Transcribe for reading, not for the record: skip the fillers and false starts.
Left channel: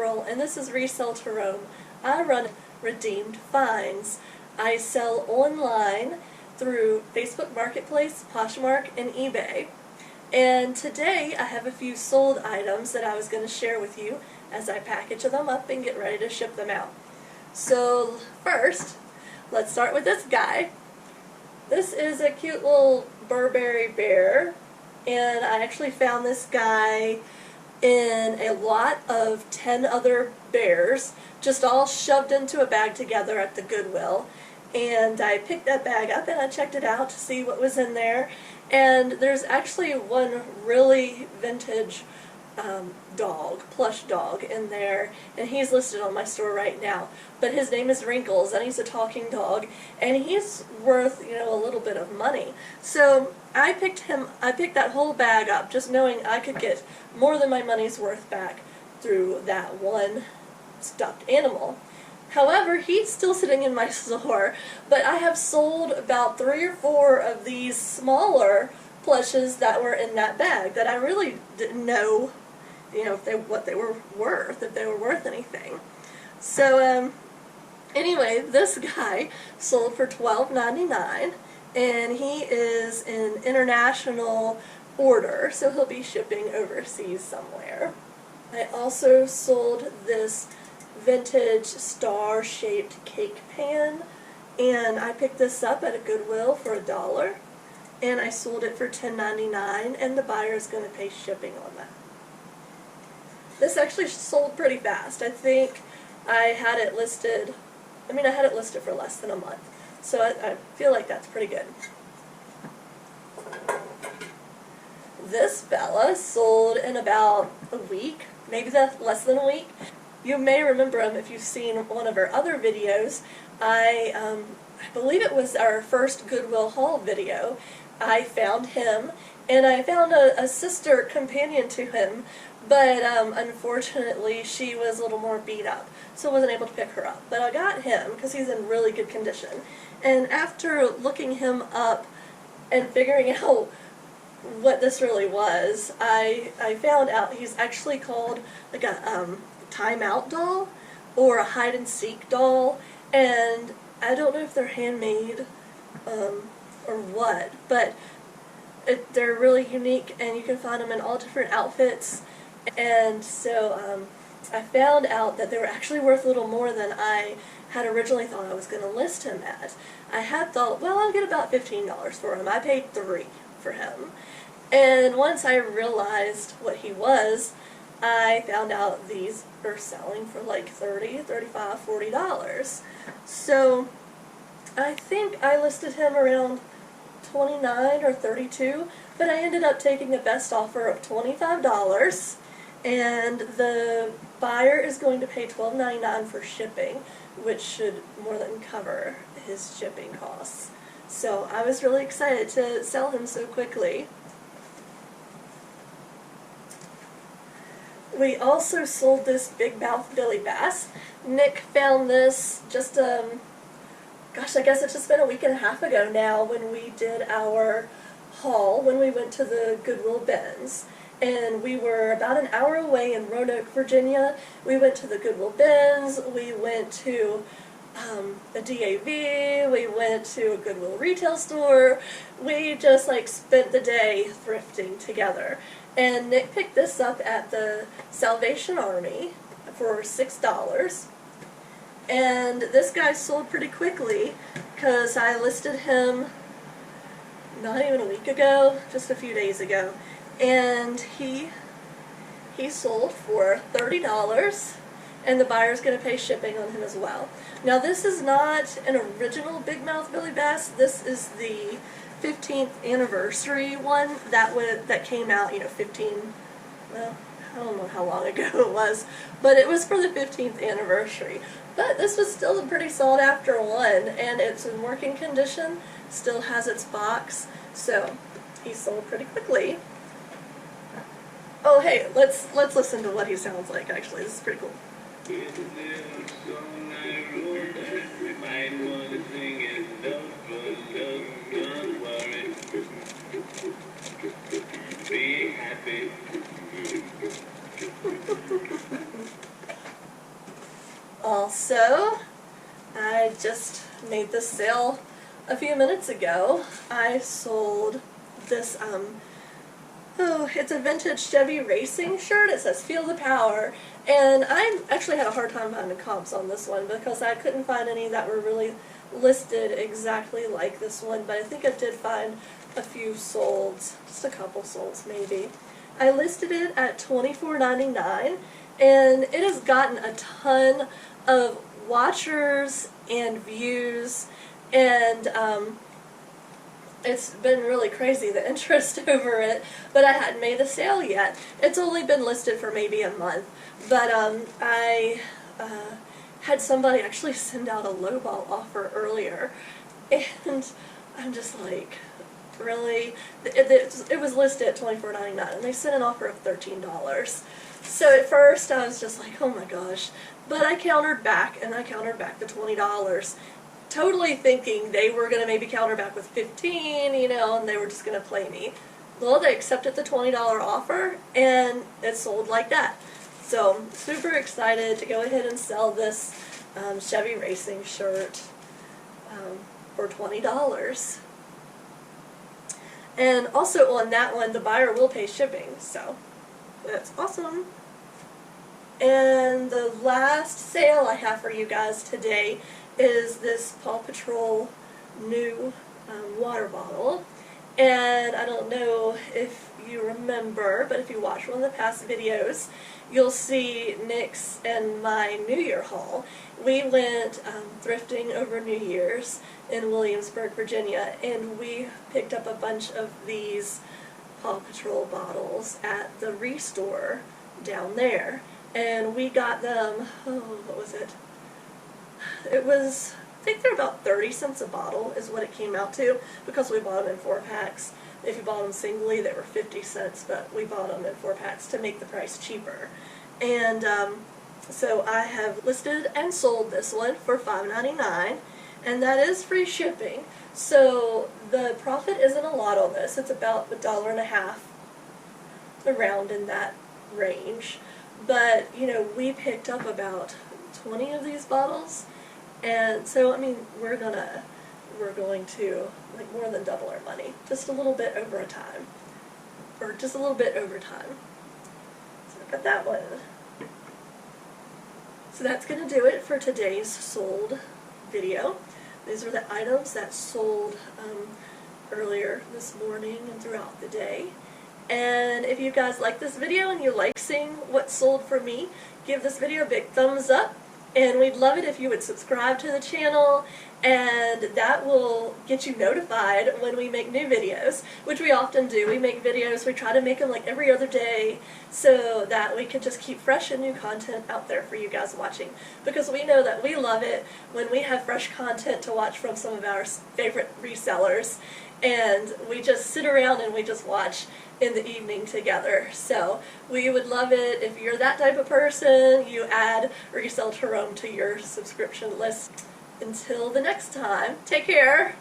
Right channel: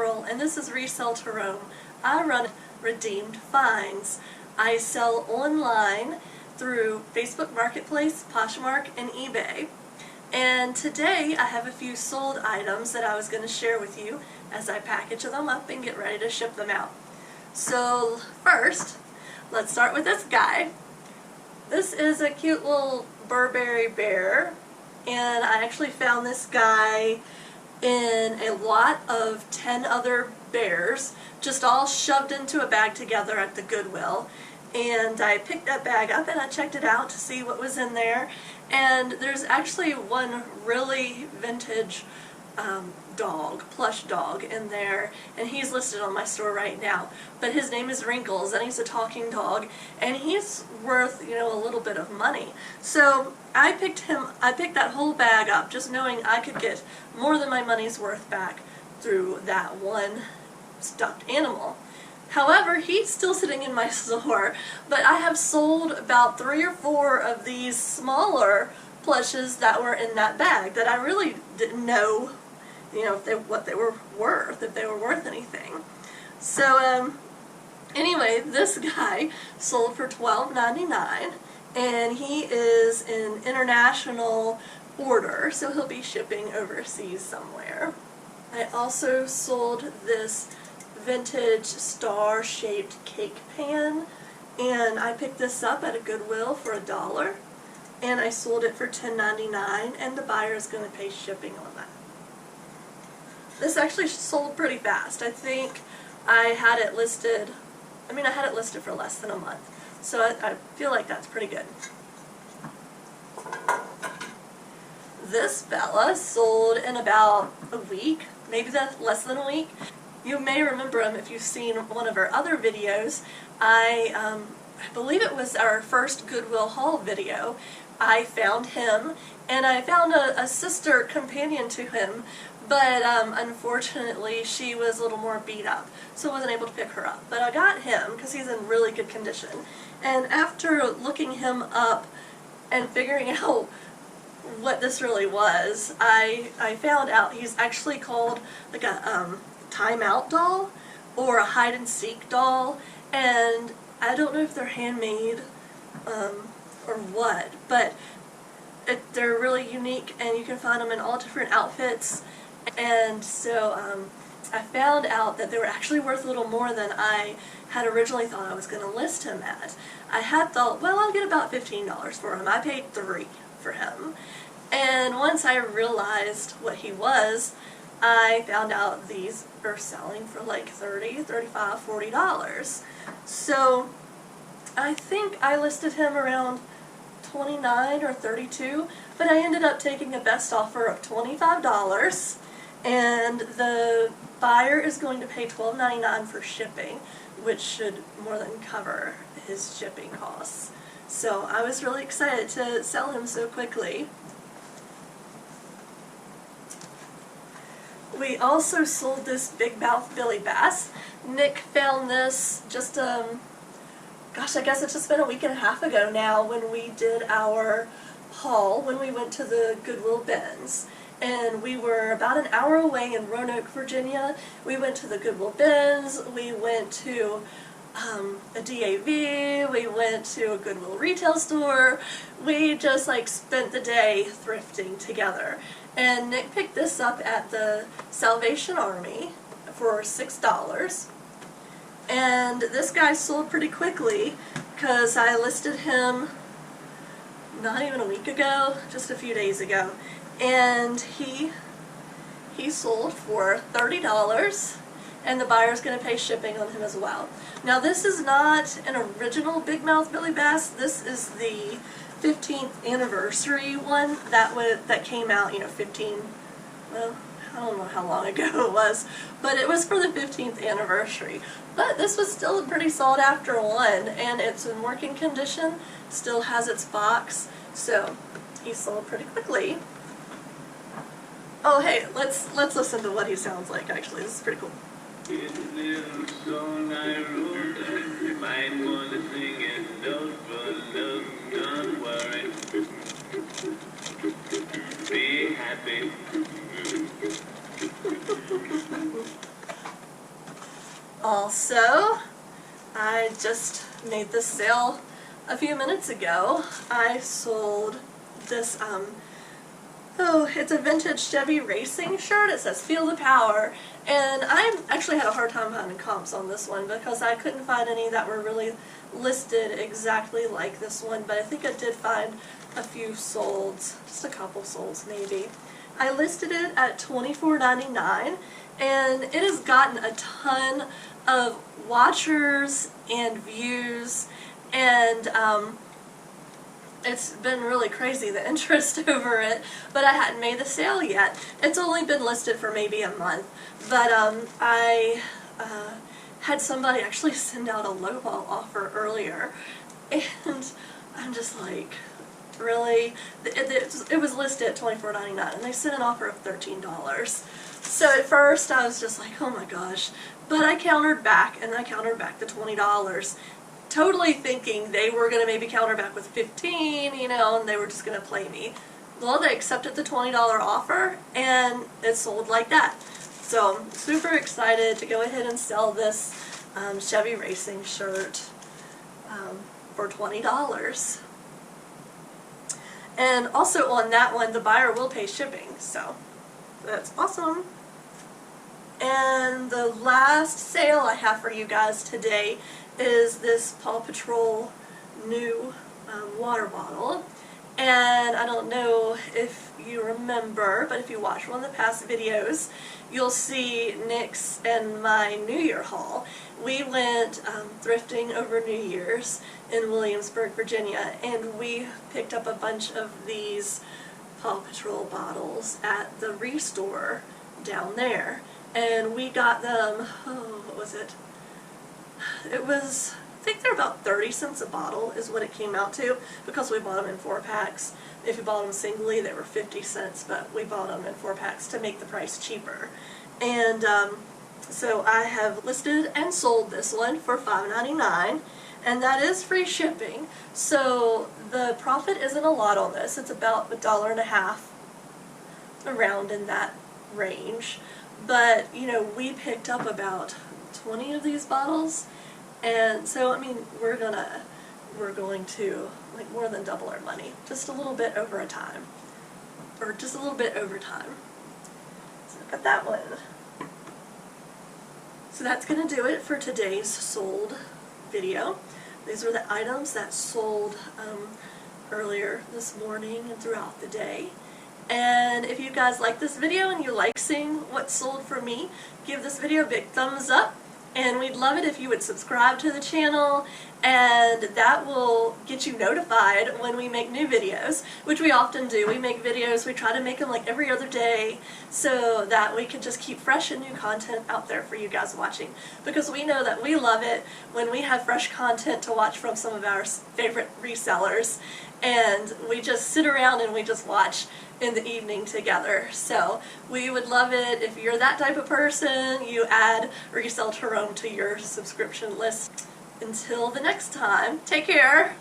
April, and this is Resell to Roam. I run Redeemed Finds. I sell online through Facebook Marketplace, Poshmark, and eBay. And today I have a few sold items that I was going to share with you as I package them up and get ready to ship them out. So first, let's start with this guy. This is a cute little Burberry bear, and I actually found this guy in a lot of 10 other bears, just all shoved into a bag together at the Goodwill. And I picked that bag up and I checked it out to see what was in there. And there's actually one really vintage plush dog in there, and he's listed on my store right now. But his name is Wrinkles, and he's a talking dog, and he's worth, a little bit of money. So I picked that whole bag up, just knowing I could get more than my money's worth back through that one stuffed animal. However, he's still sitting in my store, but I have sold about 3 or 4 of these smaller plushes that were in that bag that I really didn't know, what they were worth, if they were worth anything. So, anyway, this guy sold for $12.99, and he is an international order, so he'll be shipping overseas somewhere. I also sold this vintage star-shaped cake pan, and I picked this up at a Goodwill for $1, and I sold it for $10.99, and the buyer is going to pay shipping on that. This actually sold pretty fast. I think I had it listed for less than a month, so I feel like that's pretty good. This fella sold in about a week, maybe less than a week. You may remember him if you've seen one of our other videos. I believe it was our first Goodwill haul video. I found him, and I found a sister companion to him, but unfortunately she was a little more beat up, so I wasn't able to pick her up. But I got him because he's in really good condition. And after looking him up and figuring out what this really was, I found out he's actually called like a timeout doll or a hide and seek doll, and I don't know if they're handmade or what, but they're really unique, and you can find them in all different outfits. And so I found out that they were actually worth a little more than I had originally thought I was going to list him at. I had thought, well, I'll get about $15 for him. I paid $3 for him. And once I realized what he was, I found out these are selling for like $30, $35, $40. So I think I listed him around $29 or $32, but I ended up taking a best offer of $25, and the buyer is going to pay $12.99 for shipping, which should more than cover his shipping costs. So I was really excited to sell him so quickly. We also sold this big mouth Billy Bass. Nick found this just, I guess it's just been a week and a half ago now when we did our haul, when we went to the Goodwill bins. And we were about an hour away in Roanoke, Virginia. We went to the Goodwill bins, we went to a DAV, we went to a Goodwill retail store. We just spent the day thrifting together. And Nick picked this up at the Salvation Army for $6. And this guy sold pretty quickly because I listed him not even a week ago, just a few days ago. And he sold for $30, and the buyer's going to pay shipping on him as well. Now this is not an original Big Mouth Billy Bass. This is the 15th anniversary one that came out, well, I don't know how long ago it was, but it was for the 15th anniversary. But this was still a pretty sought after one, and it's in working condition, still has its box, so he sold pretty quickly. Oh hey, let's listen to what he sounds like actually. This is pretty cool. Also, I just made this sale a few minutes ago. I sold this, it's a vintage Chevy racing shirt. It says "Feel the Power," and I actually had a hard time finding comps on this one because I couldn't find any that were really listed exactly like this one, but I think I did find a few solds, just a couple solds maybe. I listed it at $24.99, and it has gotten a ton of watchers and views, and it's been really crazy, the interest over it, but I hadn't made the sale yet. It's only been listed for maybe a month, but I had somebody actually send out a lowball offer earlier, and I'm just like, really? It was listed at $24.99, and they sent an offer of $13. So at first I was just like, oh my gosh, but I countered back, and I countered back to $20. Totally thinking they were going to maybe counter back with $15, you know, and they were just going to play me. Well, they accepted the $20 offer, and it sold like that. So I'm super excited to go ahead and sell this Chevy racing shirt for $20. And also on that one, the buyer will pay shipping, so that's awesome. And the last sale I have for you guys today is this Paw Patrol new water bottle. And I don't know if you remember, but if you watch one of the past videos, you'll see Nick's and my New Year haul. We went thrifting over New Year's in Williamsburg, Virginia, and we picked up a bunch of these Paw Patrol bottles at the Restore down there. And we got them, what was it? It was, I think they're about 30 cents a bottle is what it came out to, because we bought them in 4-packs. If you bought them singly, they were 50 cents, but we bought them in 4-packs to make the price cheaper. And so I have listed and sold this one for $5.99, and that is free shipping. So the profit isn't a lot on this. It's about $1.50, around in that range. But, you know, we picked up about 20 of these bottles, and so, I mean, we're going to like more than double our money, just a little bit over time. So look at that one. So that's going to do it for today's sold video. These are the items that sold earlier this morning and throughout the day. And if you guys like this video and you like seeing what sold for me, give this video a big thumbs up. And we'd love it if you would subscribe to the channel, and that will get you notified when we make new videos, which we often do. We make videos, we try to make them like every other day so that we can just keep fresh and new content out there for you guys watching. Because we know that we love it when we have fresh content to watch from some of our favorite resellers, and we just sit around and we just watch in the evening together. So we would love it if you're that type of person, you add Resell to Rome to your subscription list. Until the next time, take care.